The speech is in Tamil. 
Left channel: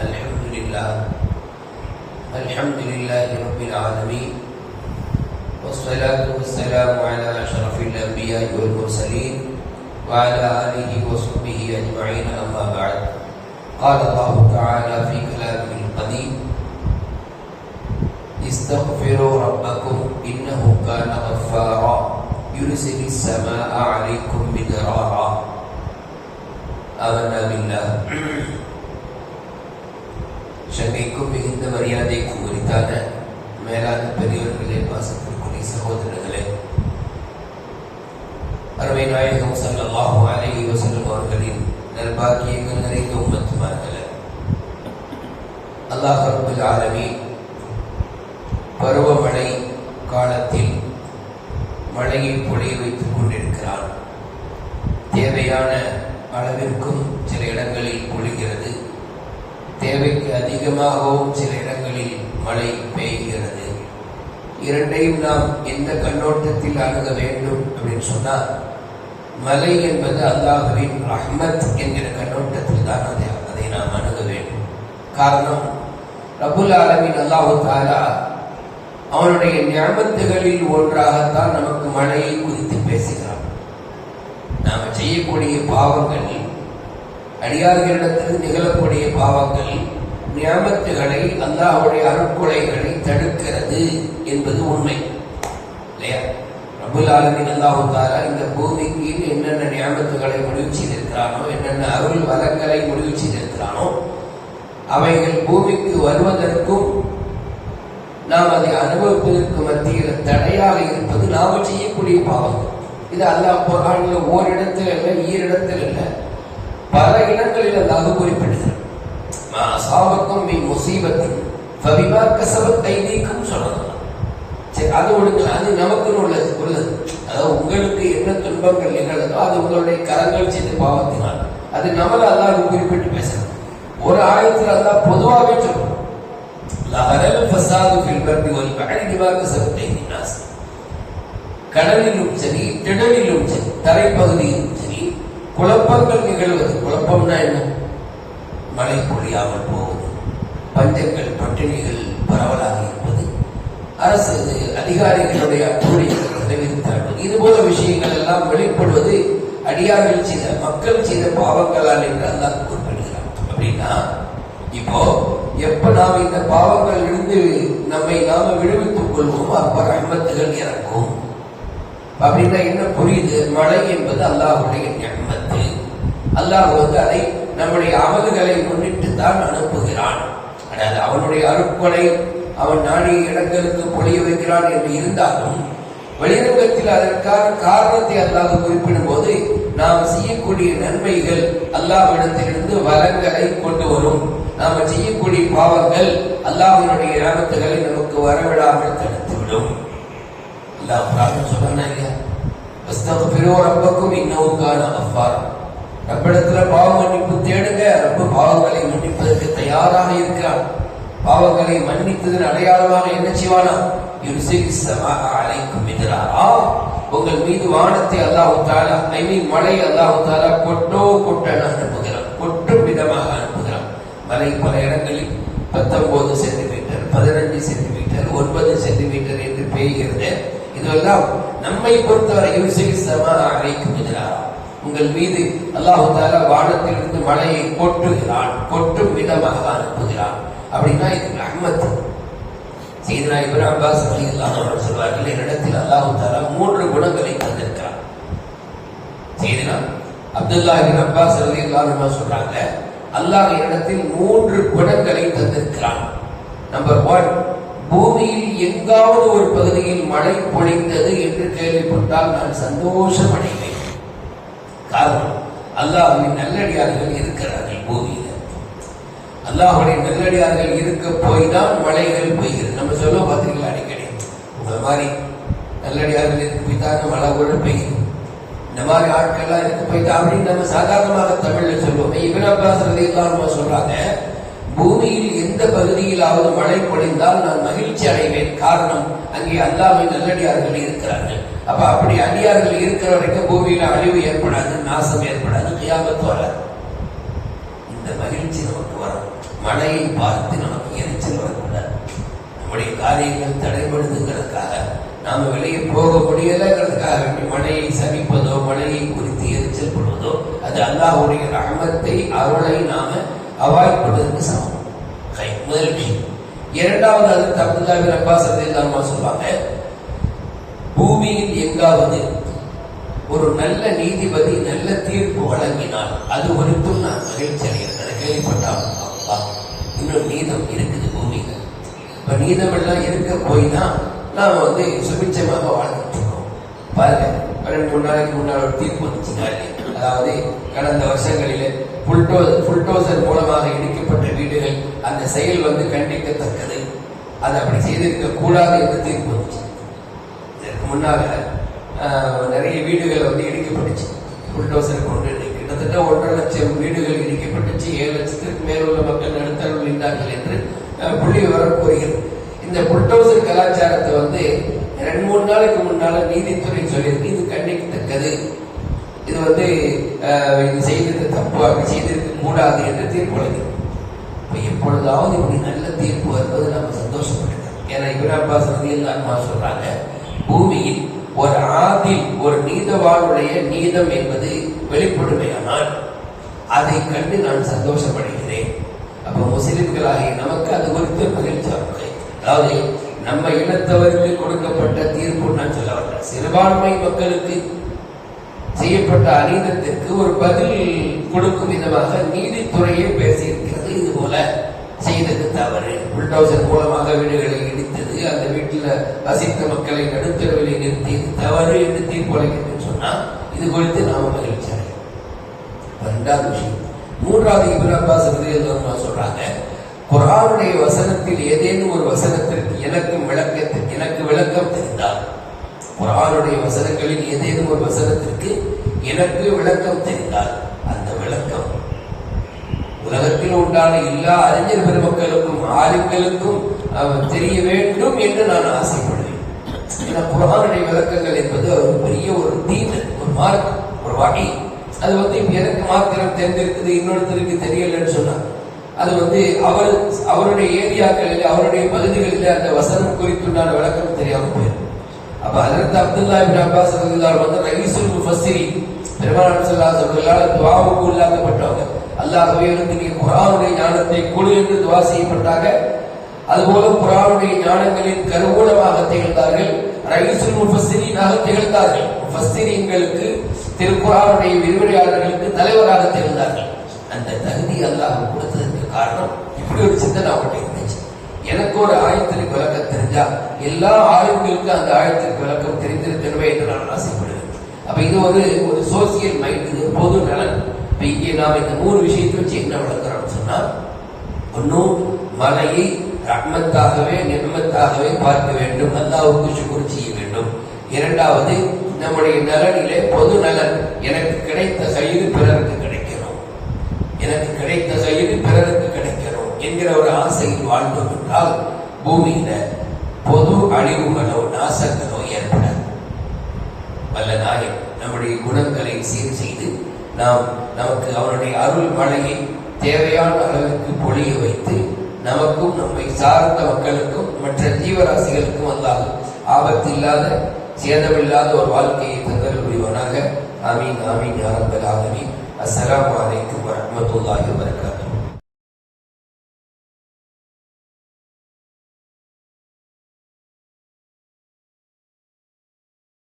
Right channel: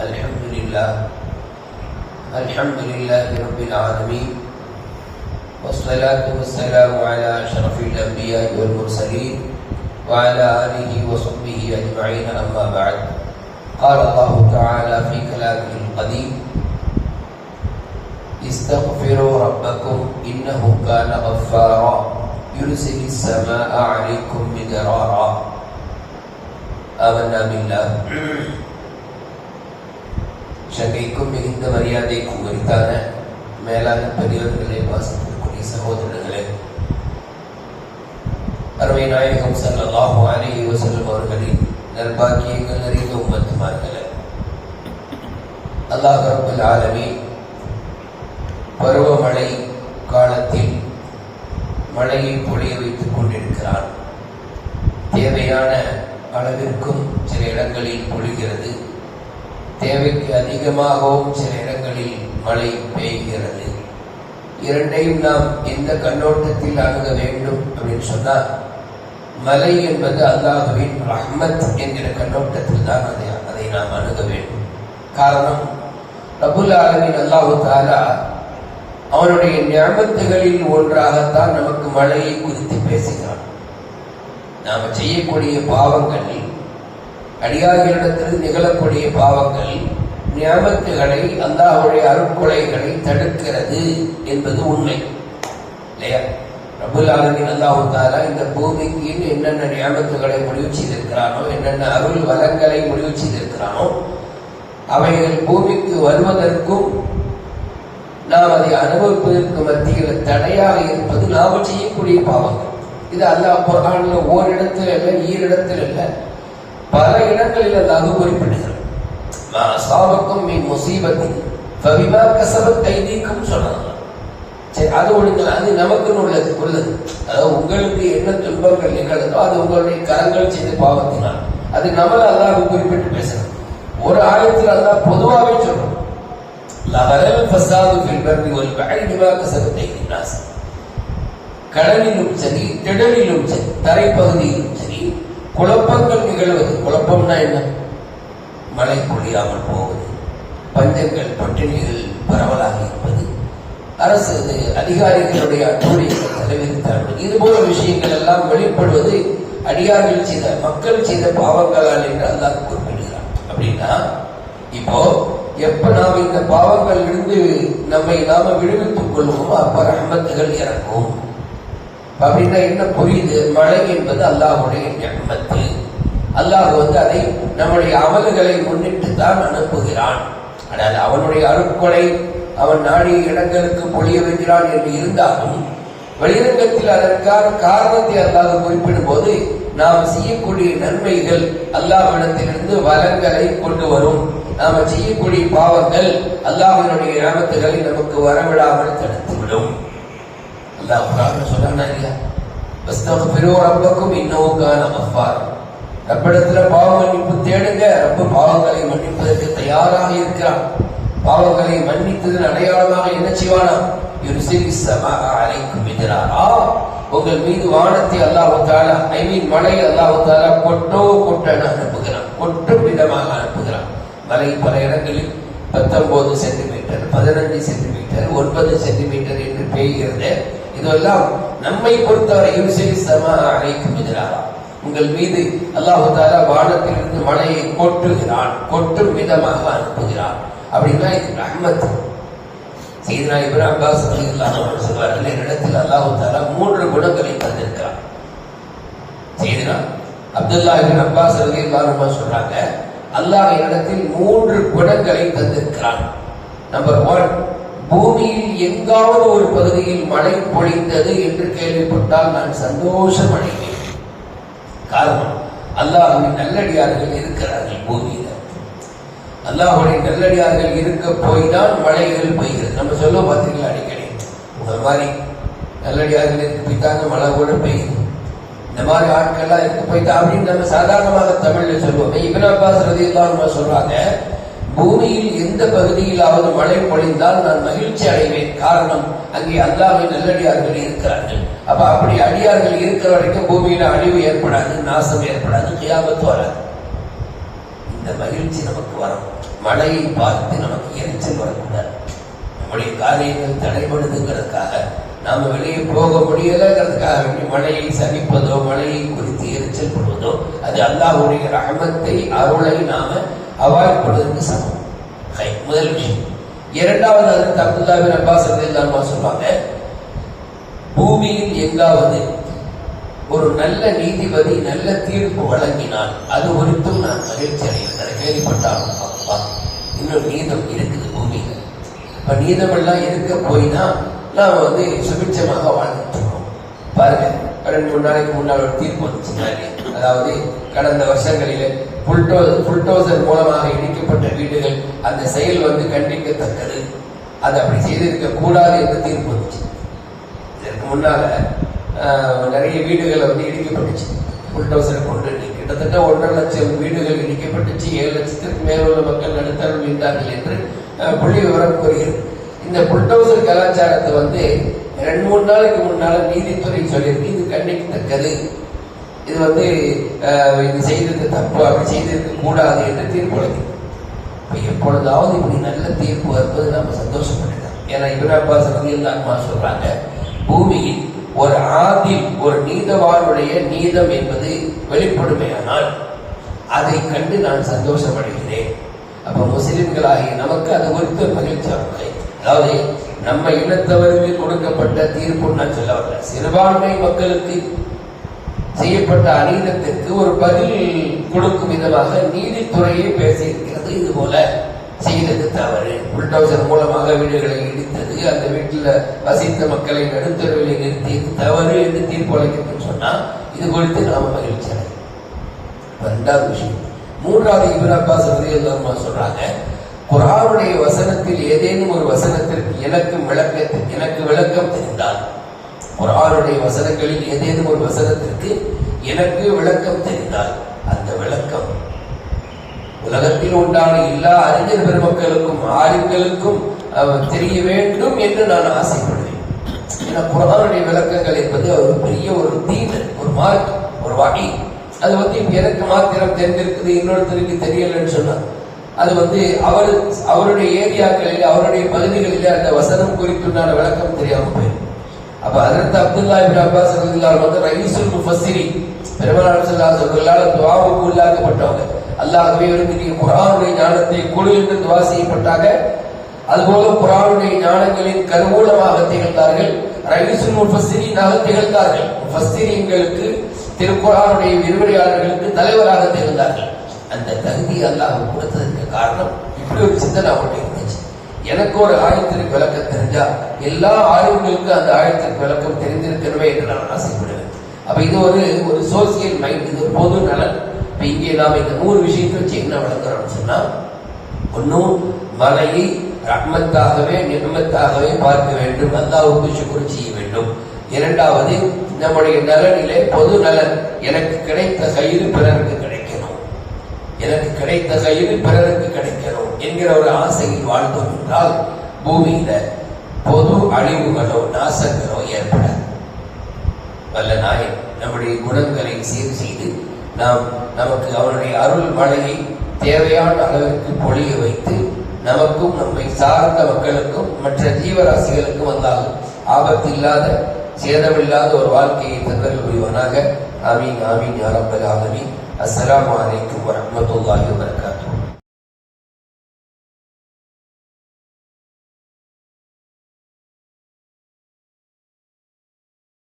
الحمد لله الحمد لله رب العالمين والصلاة والسلام على أشرف الأنبياء والمرسلين وعلى آله وصحبه أجمعين أما بعد. قال الله تعالى في كلامه القديم استغفروا ربكم إنه كان غفارا يرسل السماء عليكم مدرارا. آمنا بالله. சங்கைக்கும் மிகுந்த மரியாதைக்கும் உரித்தான மேலான பெரியவர்களே வாசத்திற்குரிய சகோதரர்களே. அருமை நாயகம் ஸல்லல்லாஹு அலைஹி வஸல்லம் அவர்களின் நல்பாக்கியங்கள் நிறைந்த உம்மத்துமார்களே. அல்லாஹ் ரப்பல் ஆலமி பருவமழை காலத்தில் மழையை பொழிய வைத்துக் கொண்டிருக்கிறார். தேவையான அளவிற்கும் சில இடங்களில் தேவைக்கு அதிகமாகவும் சில இடங்களில் மழை பெய்கிறது. இரண்டையும் நாம் எந்த கண்ணோட்டத்தில் அணுக வேண்டும் அப்படின்னு சொன்னா மலை என்பது அல்லாஹுவின் ரஹ்மத் என்கிற கண்ணோட்டத்தில் தான் அதை அதை நாம் அணுக வேண்டும். காரணம் ரபுல் ஆலமின் அல்லாஹு தாலா அவனுடைய ஞாபகத்துகளில் ஒன்றாகத்தான் நமக்கு மழையை குறித்து பேசுகிறான். நாம் செய்யக்கூடிய பாவங்கள் அடியார்களிடத்திலிருந்து நிகழக்கூடிய பாவங்கள் நியமத்துகளை அல்லாஹுடைய அருட்கொலைகளை தடுக்கிறது என்பது உண்மை. இல்லையா? ரபுல் ஆலமின் அல்லாஹு தாரா இந்த பூமிக்கு என்னென்ன ஞாபகத்துகளை முடிவு செய்திருக்கிறானோ என்னென்ன அருள் வளங்களை முடிவு செய்திருக்கிறானோ அவைகள் பூமிக்கு வருவதற்கும் நாம் அதை அனுபவிப்பதற்கு மத்தியில் தடையாக இருப்பது நாம் செய்யக்கூடிய பாவம் இது அல்லாஹ் குரான்ல ஓரிடத்தில் இல்லை ஈரிடத்தில் இல்லை. பல இடங்களில் அல்லாஹ் குறிப்பிடுகிறார் மா மீ முசீபத்தின் ஃபபிமா கசபத் ஐதீக்கும் சொல்லலாம் சரி அது ஒண்ணுங்க அது நமக்கு உள்ளது உள்ளது. அதாவது உங்களுக்கு என்ன துன்பங்கள் நிகழ்ந்தோ அது உங்களுடைய கரங்கள் செய்த பாவத்தினால். அது நம்ம அல்லாஹ் குறிப்பிட்டு பேசணும் ஒரு ஆயத்தில் அல்லாஹ் பொதுவாகவே சொல்றோம் லஹரல் ஃபசாது ஃபில் பர்ரி வல் பஹரி பிமா கஸபத் ஐதீன் கடலிலும் சரி திடலிலும் சரி தரைப்பகுதியிலும் குழப்பங்கள் நிகழ்வது. குழப்பம்னா என்ன? மழை பொழியாமல் போவது. பஞ்சங்கள் பட்டினிகள் பரவலாக இருப்பது. அரசு அதிகாரிகளுடைய அட்டூழியங்கள் தலைவிரித்தார்கள் இது போல விஷயங்கள் எல்லாம் வெளிப்படுவது அடியார்கள் செய்த மக்கள் செய்த பாவங்களால் என்று அல்லாஹ் குறிப்பிடுகிறார் அப்படின்னா இப்போ எப்ப நாம் இந்த பாவங்கள் இருந்து நம்மை நாம விடுவித்துக் கொள்வோமோ அப்ப ரஹ்மத்துகள் இறக்கும். அப்படின்னா என்ன புரியுது? மழை என்பது அல்லாஹுடைய ஞாபகத்து அல்லாஹ் வந்து அதை நம்முடைய அமல்களை முன்னிட்டு தான் அனுப்புகிறான். அதாவது அவனுடைய அருட்கொலை அவன் நாடிய இடங்களுக்கு பொழிய வைக்கிறான் என்று இருந்தாலும் வெளிரங்கத்தில் அதற்கான காரணத்தை அல்லாஹ் குறிப்பிடும் போது நாம் செய்யக்கூடிய நன்மைகள் அல்லாஹ்விடத்திலிருந்து வளங்களை கொண்டு வரும். நாம செய்யக்கூடிய பாவங்கள் அல்லாஹனுடைய கிராமத்துகளை நமக்கு வரவிடாமல் தடுத்துவிடும். அல்லாஹ் குரான் சொல்றானா இல்லையா வஸ்தக்ஃபிரு ரப்பக்கும் இன்னஹு கான கஃபார் ரப்பிடத்துல பாவ மன்னிப்பு தேடுங்க ரப்ப பாவங்களை மன்னிப்பதற்கு தயாராக இருக்கிறான் பாவங்களை மன்னித்ததன் அடையாளமாக என்ன செய்வானா யுர்சிலி ஸமா அலைக்கும் மித்ராரா உங்கள் மீது வானத்தை அல்லாஹ் தாலா ஐ மீன் மழை அல்லாஹ் தாலா கொட்டோ கொட்டன அனுப்புகிறான் கொட்டும் விதமாக அனுப்புகிறான் மலை பல இடங்களில் பத்தொன்பது சென்டிமீட்டர் பதினஞ்சு சென்டிமீட்டர் ஒன்பது சென்டிமீட்டர் என்று பெய்கிறது இதெல்லாம் நம்மை பொறுத்தவரை யூசிலி சமா அழைக்கும் எதிராக உங்கள் மீது அல்லாஹு தாலா வானத்திலிருந்து மழையை கொட்டுகிறான் கொட்டும் விதமாக அனுப்புகிறான். அப்படின்னா இது ரஹ்மத் சீதனா இப்ராஹிம் பாஸ் ரலியல்லாஹு சொல்வார்கள் என்னிடத்தில் அல்லாஹு தாலா மூன்று குணங்களை தந்திருக்கிறார். சீதனா அப்துல்லா இப்ராஹிம் அப்பாஸ் ரலியல்லாஹு சொல்றாங்க அல்லாஹ் இடத்தில் மூன்று குணங்களை தந்திருக்கிறான். நம்பர் ஒன் பூமியில் எங்காவது ஒரு பகுதியில் மழை பொழிந்தது என்று கேள்விப்பட்டால் நான் சந்தோஷம் அடைவேன் காரணம் அல்லாஹுவின் நல்லடியார்கள் இருக்கிறார்கள் பூமியில. அல்லாஹுடைய நல்லடியார்கள் இருக்க போய்தான் தான் மழைகள் பெய்கிறது நம்ம சொல்ல பார்த்தீங்களா அடிக்கடி இந்த மாதிரி நல்லடியார்கள் இருக்க போய் தான் மழை கூட பெய்யும் இந்த மாதிரி ஆட்கள்லாம் இருக்க போய் தான் அப்படின்னு நம்ம சாதாரணமாக தமிழ்ல சொல்லுவோம் இபின் அப்பாஸ் ரதியெல்லாம் சொல்றாங்க பூமியில் எந்த பகுதியிலாவது மழை பொழிந்தால் நான் மகிழ்ச்சி அடைவேன். காரணம் அங்கே அல்லாமல் நல்லடியார்கள் இருக்கிறார்கள். அப்ப அப்படி அடியார்கள் இருக்கிற வரைக்கும் பூமியில அழிவு ஏற்படாது நாசம் ஏற்படாது கியாமத்து வராது. இந்த மகிழ்ச்சி நமக்கு வரும். மழையை பார்த்து நமக்கு எரிச்சல் வரக்கூடாது. நம்முடைய காரியங்கள் தடைபடுதுங்கிறதுக்காக நாம வெளியே போக முடியலங்கிறதுக்காக வேண்டி மழையை சகிப்பதோ மழையை குறித்து எரிச்சல் படுவதோ அது அல்லாஹுடைய ரஹமத்தை அருளை நாம அவாய்ட் இரண்டாவது அது அப்பாஸ் ரலியல்லாஹு சொல்றாங்க பூமியில் எங்காவது ஒரு நல்ல நீதிபதி நல்ல தீர்ப்பு வழங்கினால் அது குறித்தும் நான் மகிழ்ச்சி அடைகிறேன் கேள்விப்பட்டால் அப்பா, இன்னும் நீதம் இருக்குது பூமியில. இப்ப நீதமெல்லாம் இருக்க போய் தான் நாம வந்து சுபிட்சமாக வாழ்ந்துட்டு இருக்கோம் பாருங்க ரெண்டு மூணு நாளைக்கு முன்னால் ஒரு தீர்ப்பு வந்துச்சுங்க அதாவது கடந்த வருஷங்களில் புல்டோ புல்டோசர் மூலமாக இடிக்கப்பட்ட வீடுகள் அந்த செயல் வந்து கண்டிக்கத்தக்கது. அது அப்படி செய்திருக்க கூடாது என்று தீர்ப்பு வந்துச்சு இதற்கு முன்னால நிறைய வீடுகள் வந்து இடிக்கப்பட்டுச்சு. புல்டோசர் கொண்டு கிட்டத்தட்ட ஒன்றரை லட்சம் வீடுகள் இடிக்கப்பட்டுச்சு. ஏழு லட்சத்திற்கு மேலுள்ள மக்கள் நடுத்தரம் மீண்டார்கள் என்று புள்ளி விவரம் கூறுகிறது. இந்த புல்டோசர் கலாச்சாரத்தை வந்து ரெண்டு மூணு நாளைக்கு முன்னால நீதித்துறை சொல்லியிருக்கு. இது கண்டிக்கத்தக்கது. இது வந்து இது செய்திருக்க தப்பு. அப்படி செய்திருக்க கூடாது என்று தீர்ப்பளிக்கும் இப்போ எப்பொழுதாவது இப்படி நல்ல தீர்ப்பு வருவது நம்ம சந்தோஷப்படுகிறோம் ஏன்னா இபின் அப்பாஸ் ரலியல்லாஹு சொல்றாங்க பூமியில் ஒரு ஆதில் ஒரு நீதவாருடைய நீதம் என்பது வெளிப்படுமையானால் அதை கண்டு நான் சந்தோஷப்படுகிறேன். அப்ப முஸ்லிம்களாகி நமக்கு அது குறித்து மகிழ்ச்சியானது அதாவது நம்ம இனத்தவருக்கு கொடுக்கப்பட்ட தீர்ப்பு நான் சொல்ல வரேன் சிறுபான்மை மக்களுக்கு செய்யப்பட்ட அநீதத்திற்கு ஒரு பதில் கொடுக்கும் விதமாக நீதித்துறையை பேசியிருக்கிறது இது போல செய்தது தவறு. புல்டோசர் மூலமாக வீடுகளை இடித்தது அந்த வீட்டில் வசித்த மக்களை நடுத்தரவிலை நிறுத்தியது தவறு என்று தீர்ப்பளிக்கிறது சொன்னா இது குறித்து நாம் மகிழ்ச்சி ரெண்டாவது விஷயம். மூன்றாவது இப்ரா அப்பாஸ் சொல்றாங்க குரானுடைய வசனத்தில் ஏதேனும் ஒரு வசனத்திற்கு எனக்கு விளக்கத்தில் எனக்கு விளக்கம் தெரிந்தால் குரானுடைய வசனங்களில் ஏதேனும் ஒரு வசனத்திற்கு எனக்கு விளக்கம் தெரிந்தால் உலகத்தில் உண்டான எல்லா அறிஞர் பெருமக்களுக்கும் ஆளுங்களுக்கும் தெரிய வேண்டும் என்று நான் ஆசைப்படுவேன் ஏன்னா விளக்கங்கள் என்பது ஒரு பெரிய ஒரு தீன ஒரு மார்க் ஒரு வகை. அது வந்து எனக்கு மாத்திரம் தெரிஞ்சிருக்குது இன்னொருத்தருக்கு தெரியலன்னு சொன்னார். அது வந்து அவர் அவருடைய ஏரியாக்களில் அவருடைய பகுதிகளில் அந்த வசனம் குறித்துண்டான விளக்கம் தெரியாம போயிடும் அப்ப அதற்கு அப்துல்லா இப்னு அப்பாஸ் வந்து ரைசுல் முஃபஸ்ஸிரி பெருமானார் ஸல்லல்லாஹு குழு என்று துவா செய்யப்பட்டாங்க. அதுபோல குரானுடைய ஞானங்களின் கருவூலமாக திகழ்ந்தார்கள் ரைசுல் முஃபஸ்ஸிரினாக திகழ்ந்தார்கள் முஃபஸ்ஸிரிங்களுக்கு திருக்குறானுடைய விரிவுரையாளர்களுக்கு தலைவராக திகழ்ந்தார்கள். அந்த தகுதி அல்லாஹ் கொடுத்ததற்கு காரணம் இப்படி ஒரு சிந்தனை அவர்கிட்ட இருந்துச்சு. எனக்கு ஒரு ஆயத்திற்கு விளக்கம் தெரிஞ்சா எல்லா ஆய்வுகளுக்கும் அந்த ஆயத்திற்கு விளக்கம் தெரிந்திருக்கணுமே என்று நான் ஆசைப்படுவேன். அப்ப இது ஒரு ஒரு சோசியல் மைண்ட் இது பொது நலன். இப்ப இங்கே நாம் இந்த மூணு விஷயத்தை வச்சு என்ன வளர்க்கிறோம் சொன்னா ஒன்னும் மலையை ரஹ்மத்தாகவே நிர்மத்தாகவே பார்க்க வேண்டும். அல்லாவுக்கு சுக்குர் செய்ய வேண்டும். இரண்டாவது நம்முடைய நலனிலே பொது நலன். எனக்கு கிடைத்த கயிறு பிறருக்கு கிடைக்கிறோம். எனக்கு கிடைத்த கயிறு பிறருக்கு கிடைக்கிறோம் என்கிற ஒரு ஆசையில் வாழ்ந்தோம் என்றால் பூமியில பொது அழிவுகளோ நாசங்களோ ஏற்படாது. வல்ல நாயன் நம்முடைய குணங்களை சீர் செய்து நாம் நமக்கு அவனுடைய அருள் மழையை தேவையான அளவிற்கு பொழிய வைத்து நமக்கும் நம்மை சார்ந்த மக்களுக்கும் மற்ற ஜீவராசிகளுக்கும் வந்தாலும் ஆபத்து இல்லாத சேதமில்லாத ஒரு வாழ்க்கையை தந்தல் புரிவனாக. ஆமீன் ஆமீன் யாரப்பல் ஆலமீன். அஸ்ஸலாமு அலைக்கும் வரஹ்மத்துல்லாஹி